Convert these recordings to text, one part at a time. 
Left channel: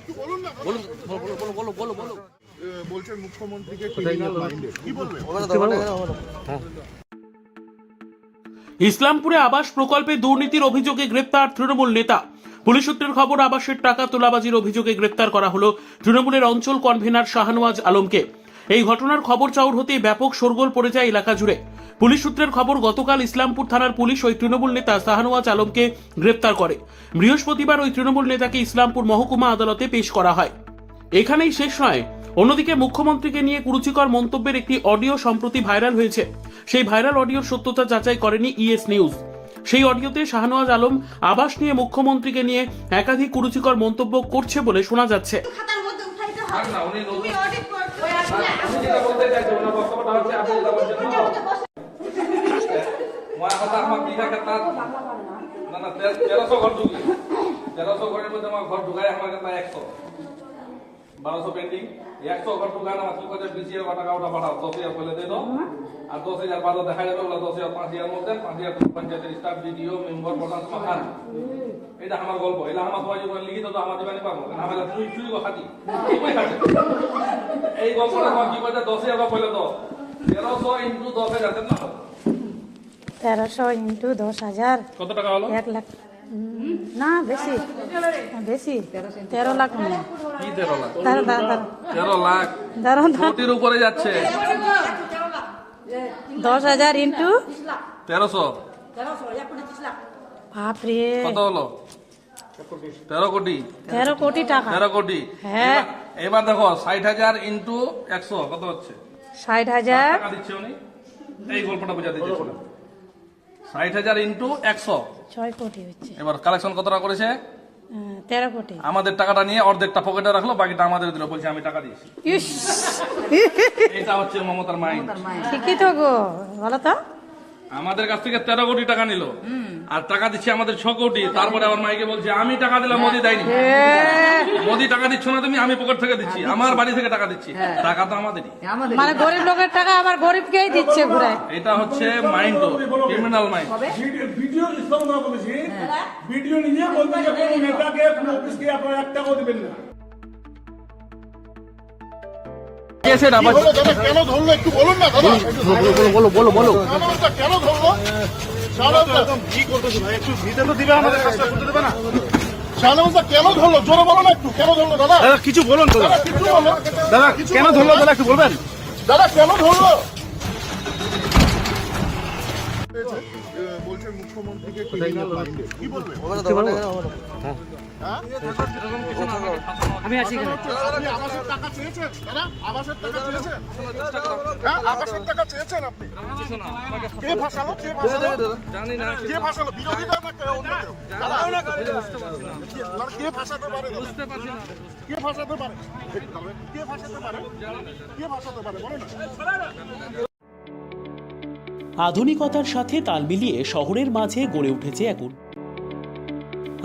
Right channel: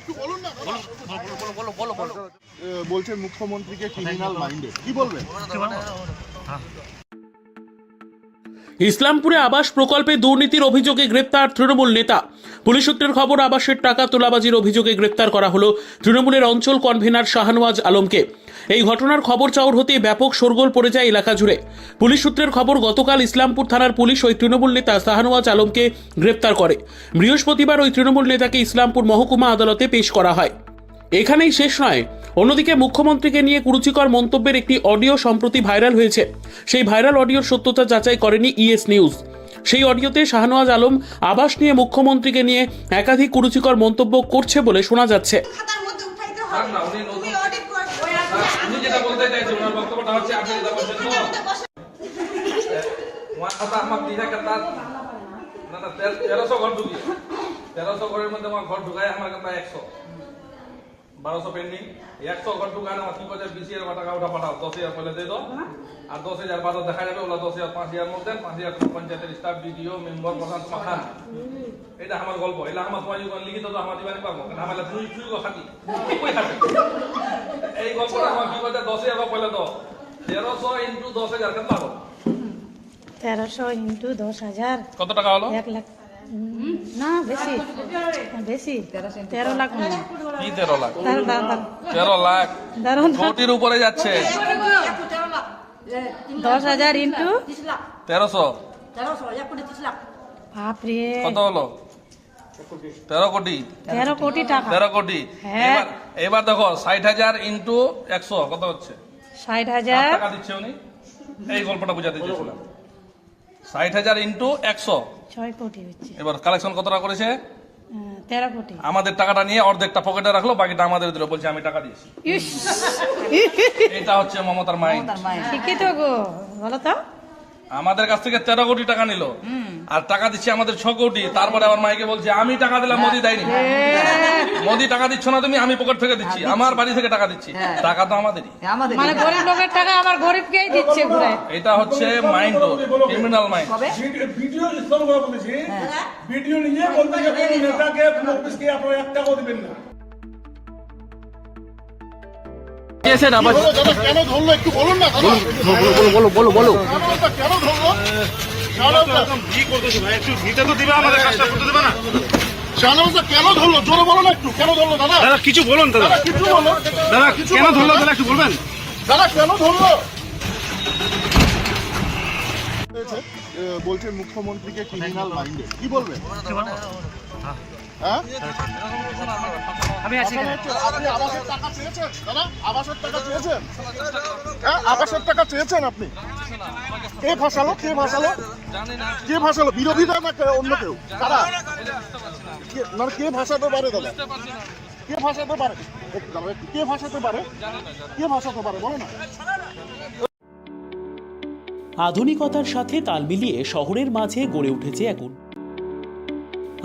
একটু বলুন না বলুন। বলো বলো বলো বলো। বলো বলছেন মুখ্যমন্ত্রীকে ক্রিমিনাল মাইন্ডেড কি বলবেন? ইসলামপুরে আবাস প্রকল্পে দুর্নীতির অভিযোগে গ্রেপ্তার তৃণমূল নেতা। পুলিশ সূত্রের খবর আবাসের টাকা তোলাবাজির অভিযোগে গ্রেপ্তার করা হলো তৃণমূলের অঞ্চল কনভেনার শাহনওয়াজ আলমকে। এই ঘটনার খবর চাউর হতেই ব্যাপক শোরগোল পড়ে যায় এলাকা জুড়ে। পুলিশ সূত্রের খবর, গতকাল ইসলামপুর থানার পুলিশ ওই তৃণমূল নেতা শাহনওয়াজ আলমকে গ্রেপ্তার করে। বৃহস্পতিবার ওই তৃণমূল নেতাকে ইসলামপুর মহকুমা আদালতে পেশ করা হয়। এখানেই শেষ নয়। অন্যদিকে মুখ্যমন্ত্রীকে নিয়ে কুরুচিকর মন্তব্যের একটি অডিও সম্প্রতি ভাইরাল হয়েছে। সেই ভাইরাল অডিওর সত্যতা যাচাই করেনি ইএস নিউজ। সেই অডিওতে শাহনওয়াজ আলম আবাস নিয়ে মুখ্যমন্ত্রীকে নিয়ে একাধিক কুরুচিকর মন্তব্য করছে বলে শোনা যাচ্ছে। হবে না, উনি নতুন- উনি যেটা বলতে চাইছেন ওনার বক্তব্যটা হচ্ছে আপনি যেটা বলছেন। এটার মধ্যে কথা আমার দিঘা কেতা না না তেরোশো ঘর ঢুকি তেরোশো ঘরের মধ্যে আমার ঘর ঢুকায় আমার কথা একশো। বারোশো পেন্ডিং। একশো ঘর ঢুকায় আমার কি করছে বিশ হাজার টাকা ওটা পাঠাও দশ হাজার পয়লা দিয়ে দাও আর দশ হাজার বাদও দেখা যাবে ওগুলো দশ হাজার পাঁচ হাজার মধ্যে পাঁচ হাজার পঞ্চায়েতের স্টাফ বিডিও মেম্বার প্রধান খান এটা আমার গল্প। এটা আমার তোমার যদি লিখিত তো আমার দিবানি পাবো। আমার তুই তুই খাতি কই খাতি এই গল্পটা আমার কি করছে দশ হাজার পয়লা দাও তেরোশো ইন্টু দশ হাজার তেরোশো ইন্টু দশ হাজার। কত টাকা হলো? এক লাখ না বেশি। বেশি। তেরো লাখ। তেরো লাখ। তেরো উপরে যাচ্ছে। দশ হাজার ইন্টু তেরোশো। বাপরে কত হলো? তেরো কোটি। তেরো কোটি টাকা। তেরো কোটি। হ্যাঁ। এবার- দেখো ষাট হাজার ইন্টু একশো কত হচ্ছে? ষাট হাজার। এই গল্পটা বুঝাতে ষাট হাজার ইন্টু একশো। ছয় কোটি হচ্ছে। এবার কালেকশন কত টাকা করেছে তেরো কোটি। আমাদের টাকাটা নিয়ে অর্ধেকটা পকেটে রাখল বাকিটা আমাদের দিল বলছে আমি টাকা দিয়েছি। ইস, এটা হচ্ছে মমতার মাইন্ড ঠিকই তো গো বলো তো। আমাদের কাছ থেকে তেরো কোটি টাকা নিল। আর টাকা দিচ্ছে আমাদের ছ কোটি। তারপরে আবার মাইকে বলছে আমি টাকা দিলাম মোদি দেয়নি। এ, মোদি টাকা দিচ্ছ না তুমি আমি পকেট থেকে দিচ্ছি। আমার বাড়ি থেকে টাকা দিচ্ছি। টাকা তো আমাদেরই। মানে গরিব লোকের টাকা আবার গরিবকেই দিচ্ছে ঘুরে এটা হচ্ছে mind criminal mind video video নিয়ে বলতে যে কোনো নেতাকে কোনো অফিসকে আপনারা এক টাকাও দেবেন না। কেন ধরলো? একটু বলুন না বলো বলো বলো কেন ধরলো? কি করতেছে ভাই একটু নিতে তো দিবা আমাদের কাজটা করতে দেবে না। শাহজাহান স্যার কেন ধরলো? জোরে বলো না একটু কেন ধরলো দাদা? দাদা কিছু বলুন দাদা। দাদা কেন ধরলো দাদা একটু বলবেন? দাদা কেন ধরলো? বলছেন মুখ্যমন্ত্রীকে কি বলবেন? আমি আছি আপনি আবাসের টাকা চেয়েছেন দাদা আবাসের টাকা চেয়েছেন আবাসের টাকা চেয়েছেন আপনি কে কে জানি না কে না অন্য কেউ কে- পারে বুঝতে পারছি না কে পারে কে পারে কে পারে বলো না আধুনিকতার সাথে তাল মিলিয়ে শহরের মাঝে গড়ে উঠেছে এক উন-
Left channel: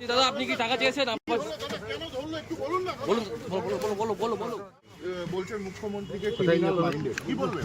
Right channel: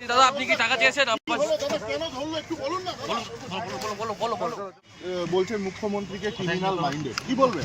দাদা আপনি কি টাকা চেয়েছেন? বলো দাদা কেন ধরলো একটু বলুন বলো বলো বলো বলো বলো বলছেন মুখ্যমন্ত্রীকে কি বলবেন?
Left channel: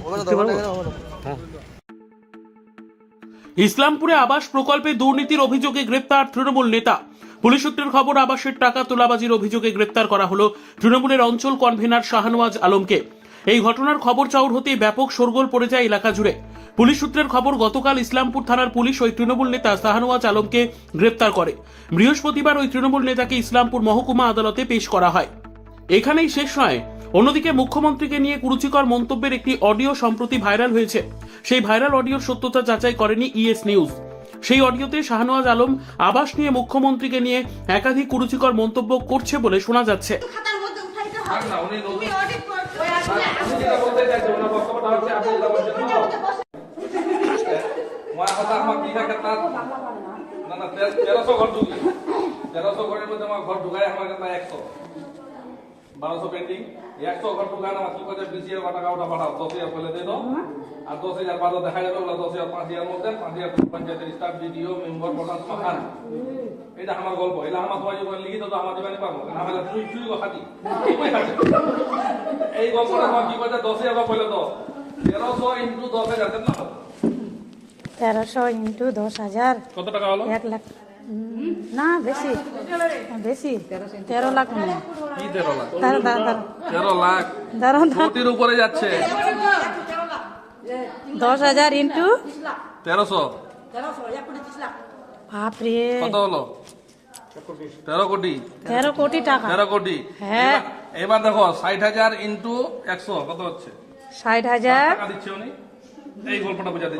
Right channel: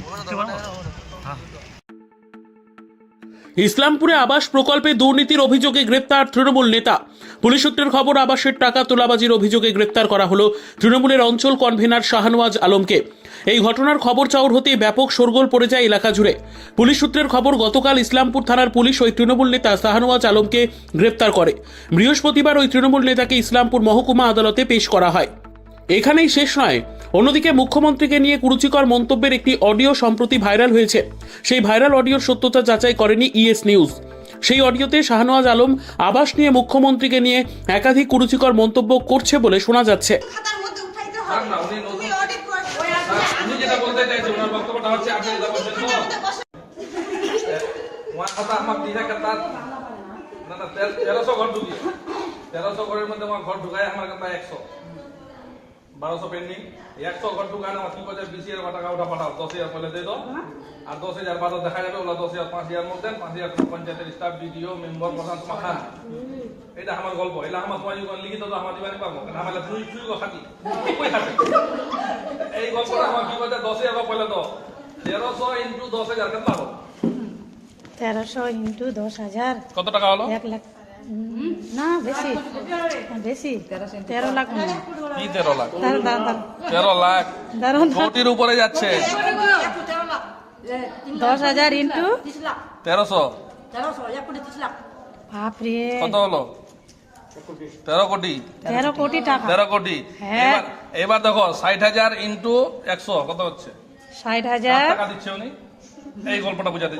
ইসলামপুরে আবাস প্রকল্পে দুর্নীতির অভিযোগে গ্রেপ্তার তৃণমূল নেতা। পুলিশ সূত্রের খবর, আবাসের টাকা তোলাবাজির অভিযোগে গ্রেপ্তার করা হলো তৃণমূলের অঞ্চল কনভেনার শাহনওয়াজ আলমকে। এই ঘটনার খবর চাউর হতেই ব্যাপক শোরগোল পড়ে যায় এলাকা জুড়ে। পুলিশ সূত্রের খবর, গতকাল ইসলামপুর থানার পুলিশ ওই তৃণমূল নেতা শাহনওয়াজ আলমকে গ্রেপ্তার করে। বৃহস্পতিবার ওই তৃণমূল নেতাকে ইসলামপুর মহকুমা আদালতে পেশ করা হয়। এখানেই শেষ নয় অন্যদিকে মুখ্যমন্ত্রীকে নিয়ে কুরুচিকর মন্তব্যের একটি অডিও সম্প্রতি ভাইরাল হয়েছে। সেই ভাইরাল অডিওর সত্যতা যাচাই করেনি ইএস নিউজ। সেই অডিওতে শাহনওয়াজ আলম আবাস নিয়ে মুখ্যমন্ত্রীকে নিয়ে একাধিক কুরুচিকর মন্তব্য করছে বলে শোনা যাচ্ছে। কথা তেরোশো ঘর ঢুকি তেরোশো ঘরের মধ্যে আমার ঘর ঢুকায় আমার কেতা একশো। বারোশো পেন্ডিং একশো ঘর ঢুকায় আমার কি করছে বিশ হাজার টাকা ওটা পাঠাও দশ হাজার পয়লা দিয়ে দাও। আর দশ হাজার বাদও দেখা যাবে ওগুলো দশ হাজার পাঁচ হাজার মধ্যে পাঁচ হাজার পঞ্চায়েতের স্টাফ বিডিও মেম্বার প্রধান তোমার এটা আমার গল্প এটা আমার তোমার যদি লিখিত তো আমার দিবানি পাবো আমার চুই চুই খাতি। এই গল্পটা আমার কি করছে দশ হাজার পয়লা দাও। তেরোশো ইন্টু দশ হাজার কেন তেরোশো ইন্টু দশ হাজার। কত টাকা হলো? এক লাখ। না বেশি। বেশি। তেরো লাখ তেরো লাখ? তেরো লাখ। দাঁড়ান কোটির উপরে যাচ্ছে। দশ হাজার ইন্টু তেরোশো। বাপরে। কত হলো? তেরো কোটি। তেরো কোটি টাকা। তেরো কোটি। হ্যাঁ। এবার- দেখো ষাট হাজার ইন্টু একশো কত হচ্ছে? ষাট হাজার। এই গল্পটা বুঝাতে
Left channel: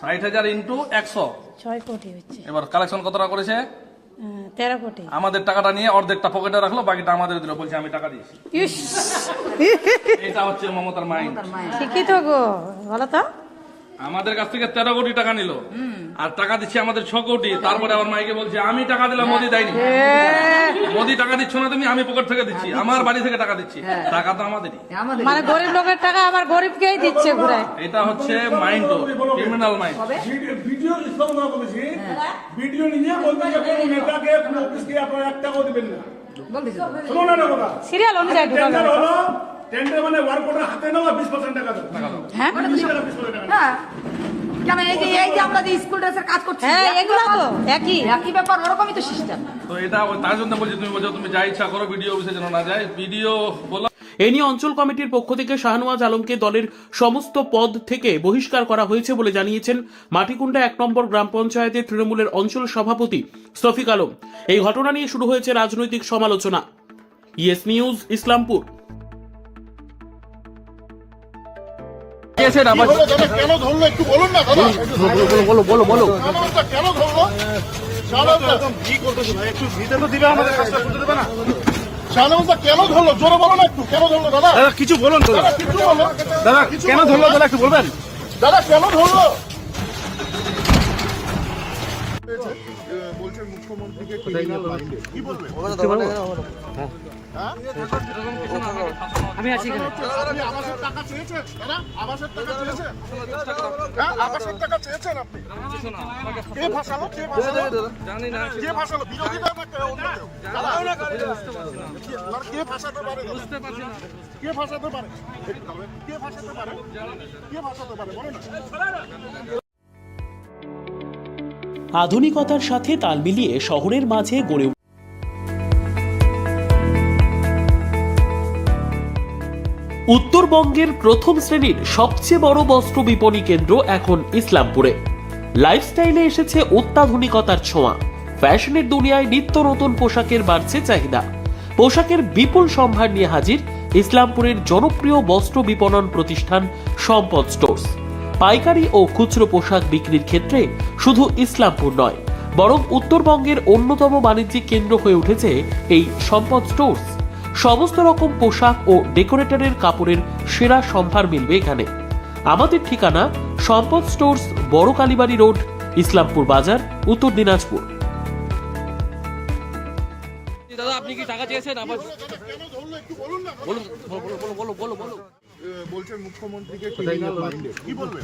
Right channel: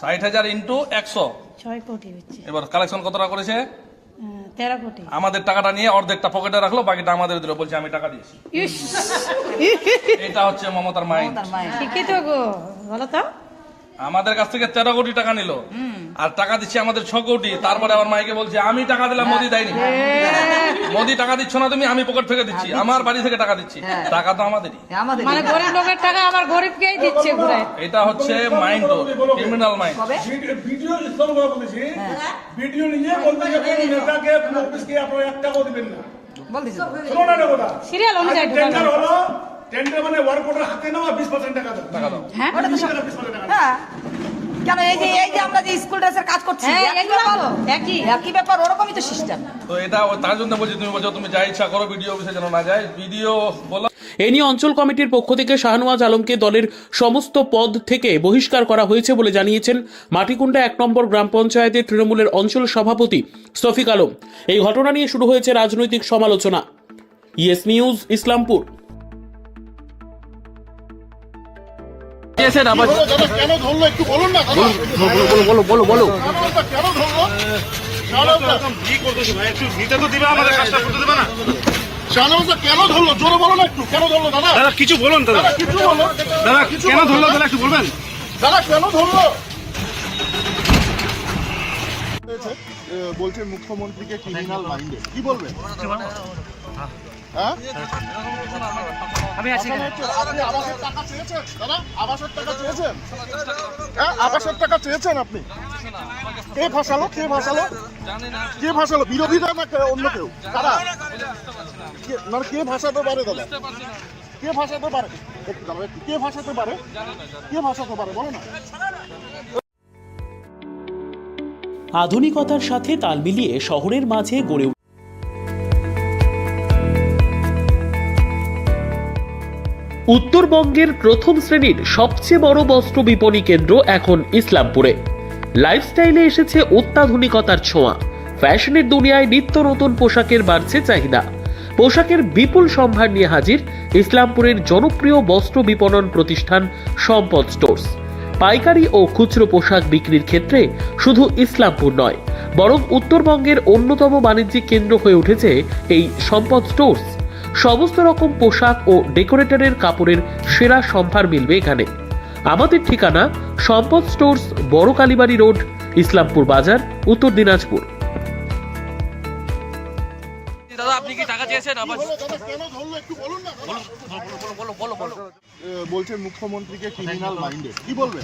ষাট হাজার ইন্টু একশো। ছয় কোটি হচ্ছে। এবার কালেকশন কত টাকা করেছে? হ্যাঁ, তেরো কোটি। আমাদের টাকাটা নিয়ে অর্ধেকটা পকেটে রাখল বাকিটা আমাদের দিল বলছে আমি টাকা দিয়েছি। এটা হচ্ছে মমতার মাইন্ড শিক্ষিত গো বলো তো। আমাদের কাছ থেকে তেরো কোটি টাকা নিল। আর টাকা দিচ্ছে আমাদের ছ কোটি। তারপরে আবার মাইকে বলছে আমি টাকা দিলাম মোদি দেয়নি। মোদি টাকা দিচ্ছ না তুমি আমি পকেট থেকে দিচ্ছি। আমার বাড়ি থেকে টাকা দিচ্ছি। টাকা তো আমাদেরই। মানে গরিব লোকের টাকা আবার গরিবকেই দিচ্ছে ঘুরে এটা হচ্ছে মাইন্ড ক্রিমিনাল মাইন্ড ভিডিও- বলেছি। ভিডিও নিয়ে বলবেন যে কোনো নেতাকে কোনো অফিসকে আপনারা এক টাকাও দিবেন না। শোনো না না। কথা সিরিয়াল অনুযায়ী টেন্ডার মানে ওয়ার্ক অর্ডার হাতে নেওয়া বিশ পার্সেন্ট টাকা দাও হ্যাঁ? মানে হ্যাঁ। কেন এই যে এই যে আমরা যে স্কুল ড্রেসের কাজ করছি হ্যাঁ এগুলো তো। একই একই ব্যাপার ওরকমই তো সিস্টেম তো এটা তার জন্য বলছি তুমি বলছো তুমি যা ইচ্ছা করো ভিডিও অফিসে যেন না যায়। ভিডিও বলো। এ নিয়ে অঞ্চল কমিটির পক্ষ থেকে শাহনওয়াজ আলমকে দলের সমস্ত পদ থেকে বহিষ্কার করা হয়েছে বলে জানিয়েছেন মাটিকুন্ডা এক নম্বর গ্রাম পঞ্চায়েতের তৃণমূলের অঞ্চল সভাপতি শফিক আলম। এই ঘটনা নিয়ে শুরু হয়েছে রাজনৈতিক সমালোচনা। Yes news Islampur. কেন ধরলো? একটু বলুন না বলো বলো বলো কেন ধরলো? তো দিবা আমাদের কাজটা করতে দেবে না? শাহনামাজটা কেন ধরলো? জোরে বলো না একটু কেন ধরলো দাদা? কিছু বলুন দাদা দাদা কেন ধরলো দাদা কি বলবেন? দাদা কেন ধরলো? বলছে মুখ্যমন্ত্রীকে ক্রিমিনাল মাইন্ডেড কি বলবেন? হ্যাঁ। এরকম কিছু না আমাকে ফাঁসানো আমি আছি আপনি আবাসের টাকা চেয়েছেন দাদা আবাসের টাকা চেয়েছেন? হ্যাঁ আবাসের টাকা চেয়েছেন আপনি। কে ভাসালো? কে ভাসালো? জানি না কে ভাসালো? বিরোধীরা না অন্য কেউ? না কে- মানে কে ভাসাতে পারে বুঝতে পারছি না কে ভাসাতে পারে? কে ভাসাতে পারে? কে ভাসাতে পারে? বলো না। আধুনিকতার সাথে তাল মিলিয়ে শহরের মাঝে গড়ে উত্তরবঙ্গের প্রথম শ্রেণির সবচেয়ে বড় বস্ত্র বিপণী কেন্দ্র এখন ইসলামপুরে। লাইফস্টাইলে এসেছে অত্যাধুনিকতার ছোঁয়া। ফ্যাশনের দুনিয়ায় নিত্য নতুন পোশাকের বাড়ছে চাহিদা। পোশাকের বিপুল সম্ভার নিয়ে হাজির ইসলামপুরের জনপ্রিয় বস্ত্র বিপণন প্রতিষ্ঠান সম্পদ স্টোর্স। পাইকারি ও খুচরো পোশাক বিক্রির ক্ষেত্রে শুধু ইসলামপুর নয় বরং উত্তরবঙ্গের অন্যতম বাণিজ্যিক কেন্দ্র হয়ে উঠেছে এই সম্পদ স্টোর্স। সমস্ত রকম পোশাক ও ডেকোরেটরের কাপড়ের সেরা সম্ভার মিলবে এখানে। আমাদের ঠিকানা সম্পদ স্টোর্স বড় কালীবাড়ি রোড ইসলামপুর বাজার উত্তর দিনাজপুর। দাদা আপনি কি টাকা চেয়েছেন? আবার দাদা কেন ধরলো একটু বলুন না। বলুন বলো বলো বলো বলো বলো বলো মুখ্যমন্ত্রীকে ক্রিমিনাল মাইন্ডেড কি বলবেন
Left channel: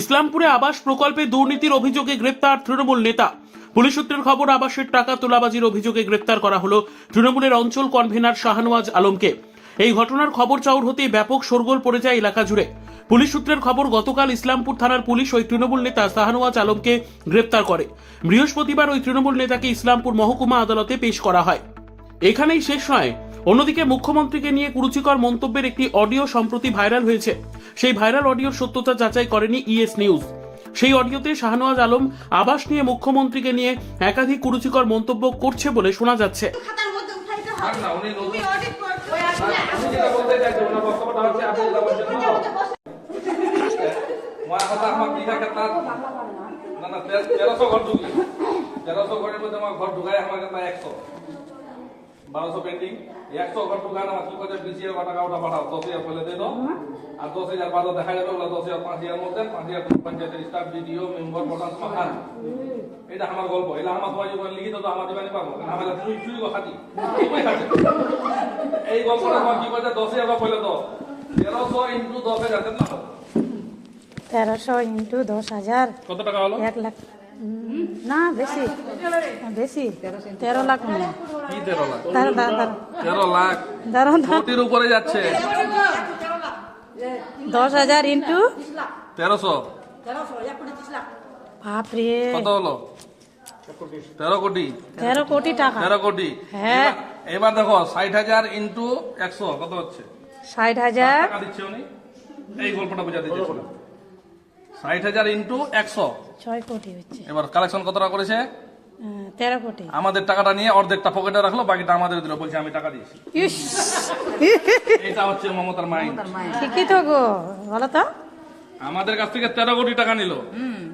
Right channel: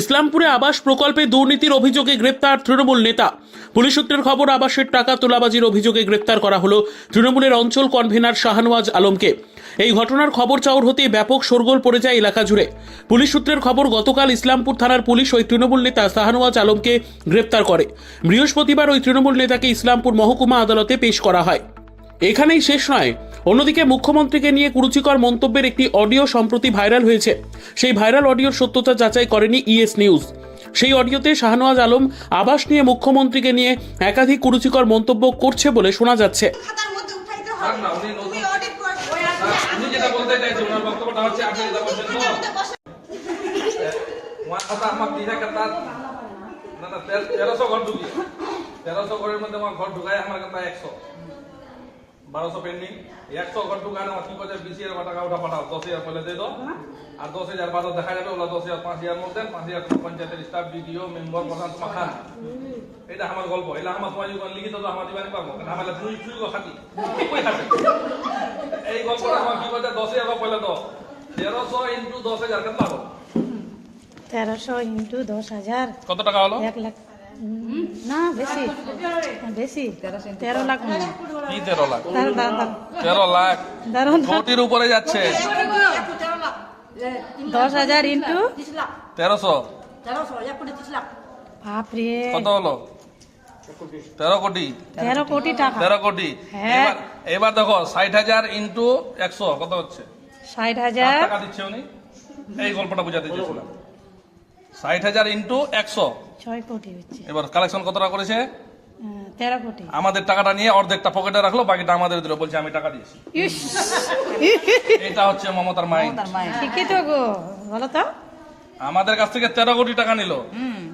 ইসলামপুরে আবাস প্রকল্পে দুর্নীতির অভিযোগে গ্রেপ্তার তৃণমূল নেতা। পুলিশ সূত্রের খবর আবাসের টাকা তোলাবাজির অভিযোগে গ্রেপ্তার করা হলো তৃণমূলের অঞ্চল কনভেনার শাহনওয়াজ আলমকে। এই ঘটনার খবর চাউর হতেই ব্যাপক শোরগোল পড়ে যায় এলাকা জুড়ে। পুলিশ সূত্রের খবর গতকাল ইসলামপুর থানার পুলিশ ওই তৃণমূল নেতা শাহনওয়াজ আলমকে গ্রেপ্তার করে। বৃহস্পতিবার ওই তৃণমূল নেতাকে ইসলামপুর মহকুমা আদালতে পেশ করা হয়। এখানেই শেষ নয় অন্যদিকে মুখ্যমন্ত্রীকে নিয়ে কুরুচিকর মন্তব্যের একটি অডিও সম্প্রতি ভাইরাল হয়েছে। সেই ভাইরাল অডিওর সত্যতা যাচাই করেনি ইএস নিউজ। সেই অডিওতে শাহনওয়াজ আলম আবাস নিয়ে মুখ্যমন্ত্রীকে নিয়ে একাধিক কুরুচিকর মন্তব্য করছে বলে শোনা যাচ্ছে। না তেরোশো ঘর ঢুকি। তেরোশো ঘরের মধ্যে আমার ঘর ঢুকায় আমার কথা একশো। বারোশো পেন্ডিং একশো ঘর ঢুকায় আমার কি করছে বিশ হাজার টাকা ওটা পাঠাও দশ হাজার পয়লা দিয়ে দাও। আর দশ হাজার বাদও দেখা যাবে ওগুলো দশ হাজার পাঁচ হাজার মধ্যে পাঁচ হাজার পঞ্চায়েতের স্টাফ বিডিও মেম্বার প্রধান তোমার খান। এটা আমার গল্প এটা আমার তোমার যখন লিখিত তো আমার দিবানি পাবো। কারণ আমার চুরি চুরি গো খাতি। এই গল্পটা আমার কি করছে দশ হাজার পয়লা দাও। তেরোশো ইন্টু দশ হাজার পাবো তেরোশো ইন্টু দশ হাজার। কত টাকা হলো? এক লাখ না বেশি। বেশি। তেরো লাখ তেরো লাখ? তেরো লাখ। কোটির উপরে যাচ্ছে। দশ হাজার ইন্টু তেরোশো। বাপরে কত হলো? তেরো কোটি। তেরো কোটি টাকা। তেরো কোটি। হ্যাঁ। এবার- দেখো ষাট হাজার ইন্টু একশো কত হচ্ছে? ষাট হাজার দিচ্ছে উনি। এই গল্পটা বুঝাতে চেয়েছিলাম। ষাট হাজার ইন্টু একশো। ছয় কোটি হচ্ছে। এবার কালেকশন কত টাকা করেছে? তেরো কোটি। আমাদের টাকাটা নিয়ে অর্ধেকটা পকেটে রাখল বাকিটা আমাদের দিল। বলছে আমি টাকা দিয়েছি। এটা হচ্ছে মমতার মাইন্ড ঠিকই তো গো বলো তো। আমাদের কাছ থেকে তেরো কোটি টাকা নিল।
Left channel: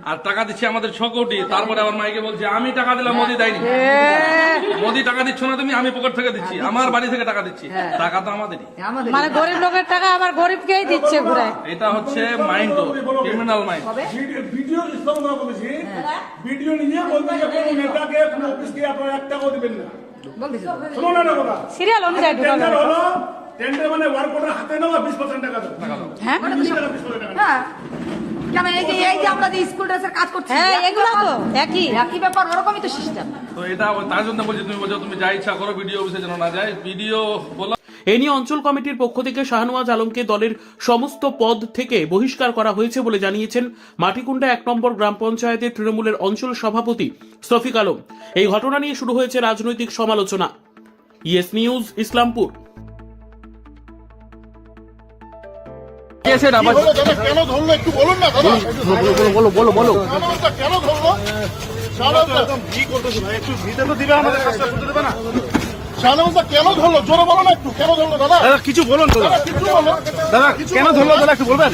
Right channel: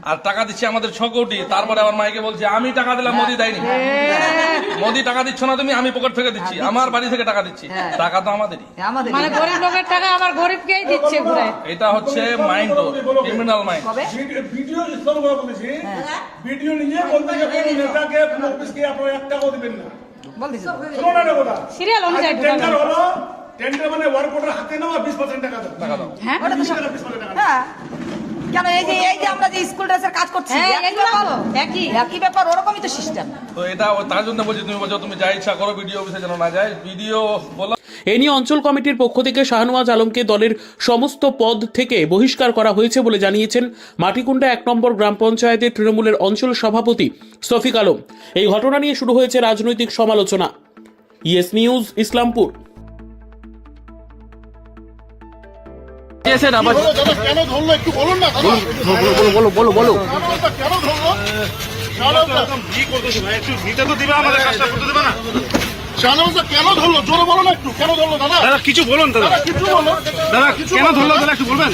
আর টাকা দিচ্ছে আমাদের ছ কোটি। তারপরে আবার মাইকে বলছে আমি টাকা দিলাম মোদি দেয়নি। এ, মোদি টাকা দিচ্ছ না তুমি আমি পকেট থেকে দিচ্ছি। আমার বাড়ি থেকে টাকা দিচ্ছি। টাকা তো আমাদেরই। মানে গরিব লোকের টাকা আবার গরিবকেই দিচ্ছে ঘুরে। এটা হচ্ছে mind criminal mind video- video বলেছি। ভিডিও নিয়ে বলবে যে কোনো নেতাকে আপনারা এক টাকাও দিবেন না। শোনো না না কথা। সিরিয়াল অনুযায়ী। টেন্ডার মানে ওয়ার্ক অর্ডার হাতে নেওয়া বিশ পার্সেন্ট টাকা দাও। হ্যাঁ? মানে হ্যাঁ। কেন এই যে এই যে আমরা যে স্কুল ড্রেসের কাজ করছি হ্যাঁ এগুলো তো একই। একই ব্যাপার ওরকমই তো সিস্টেম তো এটা তার জন্য বলছি তুমি বলছো তুমি যা ইচ্ছা করো ভিডিও অফিসে যেন না যায় ভিডিও বলো। এ নিয়ে অঞ্চল কমিটির পক্ষ থেকে শাহনওয়াজ আলমকে দলের সমস্ত পদ থেকে বহিষ্কার করা হয়েছে বলে জানিয়েছেন মাটিকুন্ডা এক নম্বর গ্রাম পঞ্চায়েতের তৃণমূলের অঞ্চল সভাপতি সফিক আলম। এই ঘটনা নিয়ে শুরু হয়েছে রাজনৈতিক সমালোচনা। Yes news Islampur. কেন ধরলো একটু বলুন না বলো বলো বলো কেন ধরলো? কি করতেছো ভাই একটু নিতে তো দিবা আমাদের কাজটা করতে দিবা না। শাহনামাজটা কেন ধরলো? জোরে বলো না একটু ধরলো দাদা? দাদা কিছু বলুন দাদা। দাদা কেন ধরলো দাদা একটু বলবেন?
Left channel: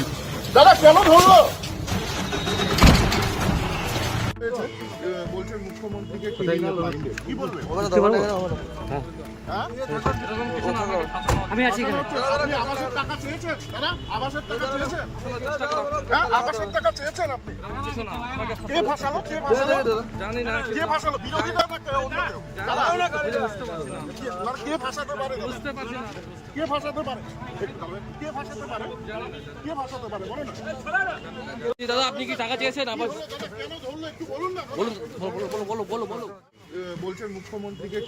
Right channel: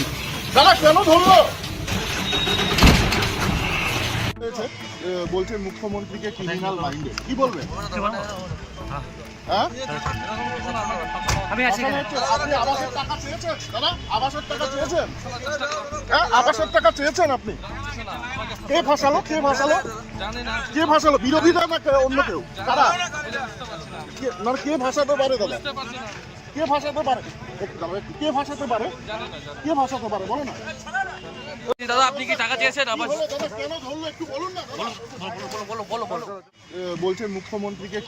দাদা কেন ধরলো? বলছেন মুখ্যমন্ত্রীকে কি বলবেন হ্যাঁ আমি আছি আপনি আবাসের টাকা চেয়েছেন দাদা? আবাসের টাকা চেয়েছেন? হ্যাঁ আবাসের টাকা চেয়েছেন আপনি। কে কে জানি না কে বিরোধীরা না অন্য কেউ? দাদা বুঝে বুঝতে পারছি না কে- পারে বুঝতে পারছি না কে পারে? কে পারে? কে পারে? বলো না। দাদা আপনি কি টাকা চেয়েছেন? আবার কেন ধরলো? একটু বলুন না দাদা। বলো বলো বলো বলো বলো বলছেন মুখ্যমন্ত্রীকে